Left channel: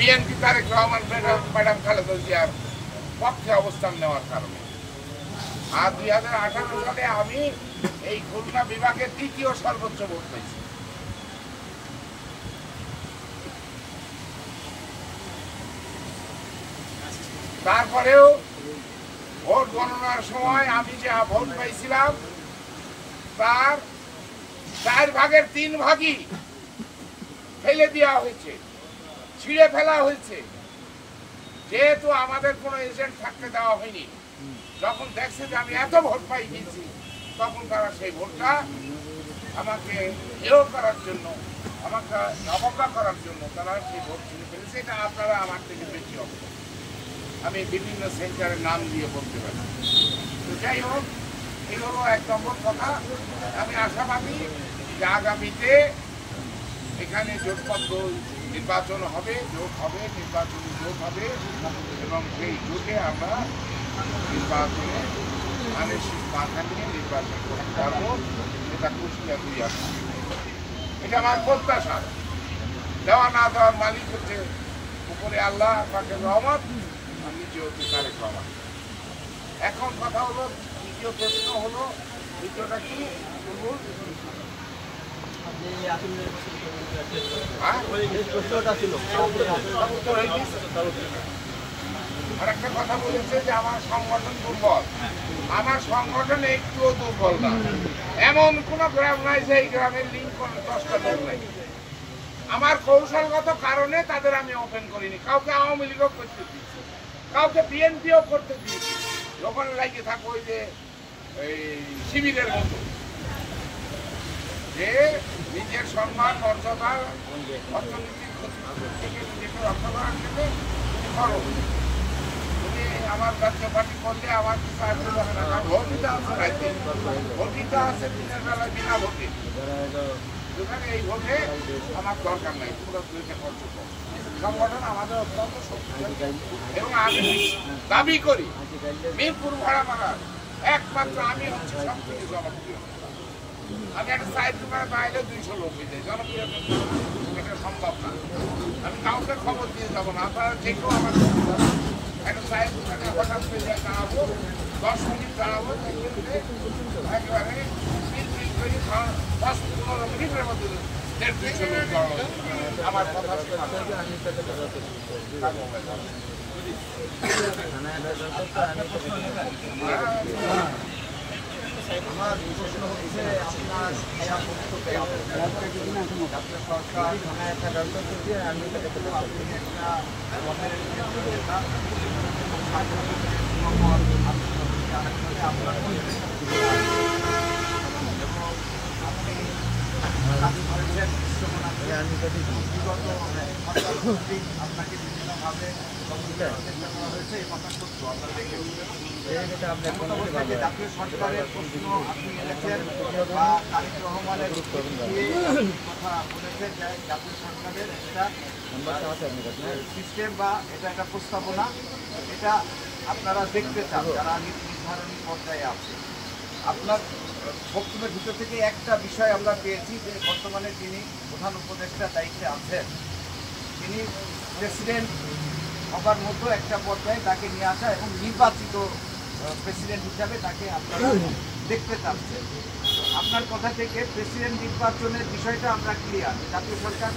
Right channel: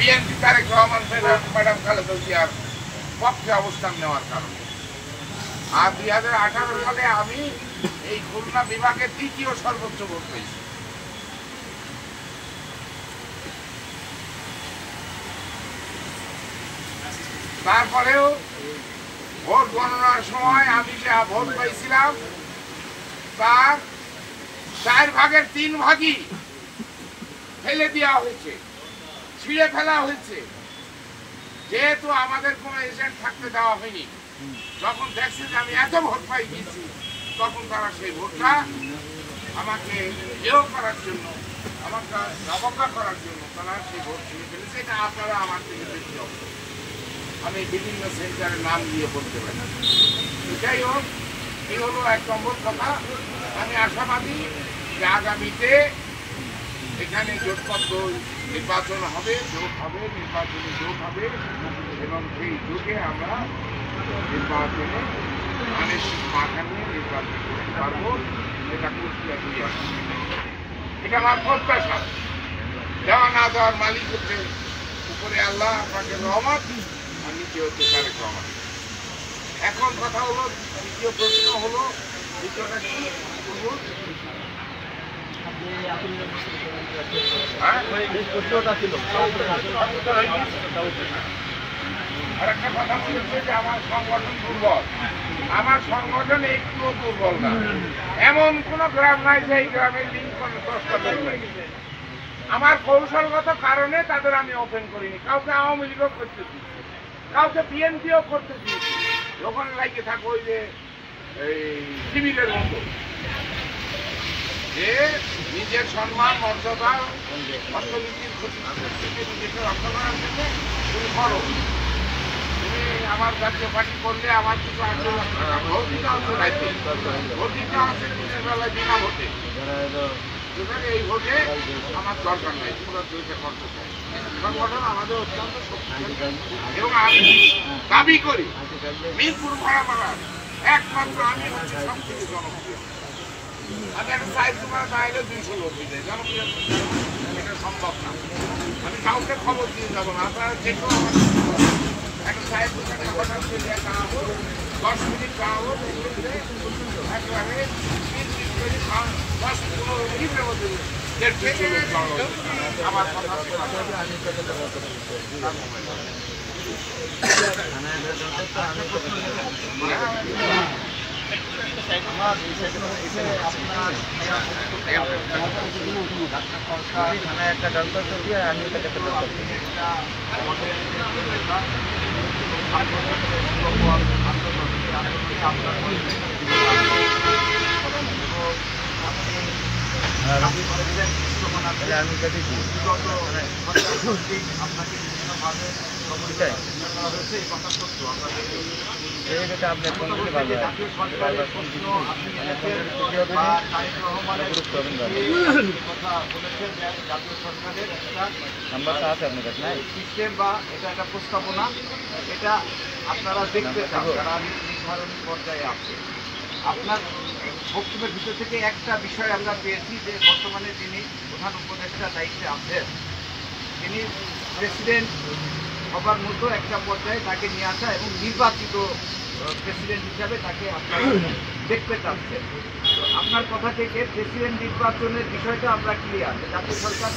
BNP Tarique Rahman madam Khaleda জিয়ার পক্ষে অবস্থান নেওয়ার কারণে। আর 2018 সালে আমি এই খুলনা বিভাগের দ্বিতীয় সর্বোচ্চ ভোট পেয়েছি। তারপরেও ভোট গণনার সময় আমি যে ভোট পাইছিলাম তার 4 ভাগের 3 ভাগই ফেলে দেওয়া হয়েছে, ছিঁড়ে ফেলা হয়েছে। যেহেতু আমাদের কোনো এজেন্ট থাকতে দেওয়া হয়নি, যখন দেখছে যে আমি এত ভোট পাই গেছি, তখন তারা সেই ভোটটা আমাকে এও করার জন্য, আমাকে অবজ্ঞা করার জন্য তারা সেই ভোট ছিঁড়ে ফেলেছে। এটা আপনারা আমার থেকে দেখতে হবে, আমি বিভিন্ন সেন্টারের নাম দিয়ে বলতে পারি। যাই হোক, এই হলো 1 নম্বর কথা। আমি আশাবাদী যে আগামীতে এখানে জোটবদ্ধ নির্বাচন হবে, জোট হবে, নির্বাচনী জোট হবে এবং সেই জোটে আমরা নির্বাচনে আনিশ্চিত মাথা নিয়ে নির্বাচন করতে পারবো। এটা কুষ্টিয়া 2 আসন। এটা আমার প্রত্যাশা। দেওয়া না দেওয়ার মালিক হচ্ছে উপরে আল্লাহ পাকের রহমত, আর নিচে হচ্ছে তারেক রহমান। এখন কথা হলো, দ্বিতীয় প্রশ্ন হলো, দ্বিতীয়টা কি বলবো? আরেকটা কথা বলেছে যে আমার সংগঠন দুর্বল। আমার সংগঠন একটুও দুর্বল না। এমন কোন গ্রাম নাই যে এই গ্রামের লিঙ্ক করে 10টা লোক নাই। আমার কৌশলগত কারণে তাদের আমি ওপেন করিনি। কাউকে আওয়ামী লীগও করতে দিচ্ছি, কাউকে বিএনপিও করতে দিয়েছি। ওখানে লাগিয়ে থাকো ওই যে শিবিরের মতো, যে নিজের সম্মান, মর্যাদা, অর্থনীতির ক্ষতি তুমি করো। তুমি আমার জাতীয় পার্টি করলে আমার কিছু আসবে না। ভোট দিতে আসছে রাইতে, ভোট দিতে আসছে দিনের বেলায় বিনা ভোটে। যেখানে এই ভোটে আমার দরকার নাই, তোমরা দুইটা খরচ করো। সংগঠন আমাদের অত্যন্ত শক্তিশালী এবং আমি দাবি করি মিরপুর ভাড়ামালার একমাত্র আমি হচ্ছে সব থেকে জনপ্রিয়। আমি একটা সাইড দোকানে না এলে 200 লোক হয়ে যায়। জনপ্রিয় এটা সম্ভব না। আমি কাউকে খবর দিয়ে যাবো না। আপনারা যে কেউ আমার একটা সাইড দোকানে হঠাৎ করে আসবো, 10 মিনিট দাঁড়াবো, একবারে 10-15 মিনিটের মধ্যে 150 লোক জড়ো আমার কথা একটা দন্তর দিয়ে আমি তাকে আমি দেখেছি আপনাকে বিভিন্নভাবে জাতীয় সরকারের প্রশ্ন আপনি এনেছেন বা তারেক রহমানের কথা বলেছেন যে জাতীয় সরকারের একটা সিস্টেম বা এটা একটা প্রস্তাবনা, এটা আপনারা দেখতে চান যারা নির্ধারণী পর্যায়ে আছে। আপনার বক্তব্যের ভিতর থেকে একটা বিষয় আমরা পেয়েছি যে বর্তমানে যিনি প্রধান উপদেষ্টার দায়িত্বে আছেন, তিনি প্রেসিডেন্ট হবার মতো একটা পর্যায়ে তাকে নিয়ে আসা এবং নির্বাচিত প্রেসিডেন্ট হিসাবে তাকে আপনারা দেখতে চাচ্ছেন। আপনার কথা থেকে প্রেসিডেন্ট নির্বাচনের বিষয়টা আমরা ক্লিয়ার। জাতীয় সরকার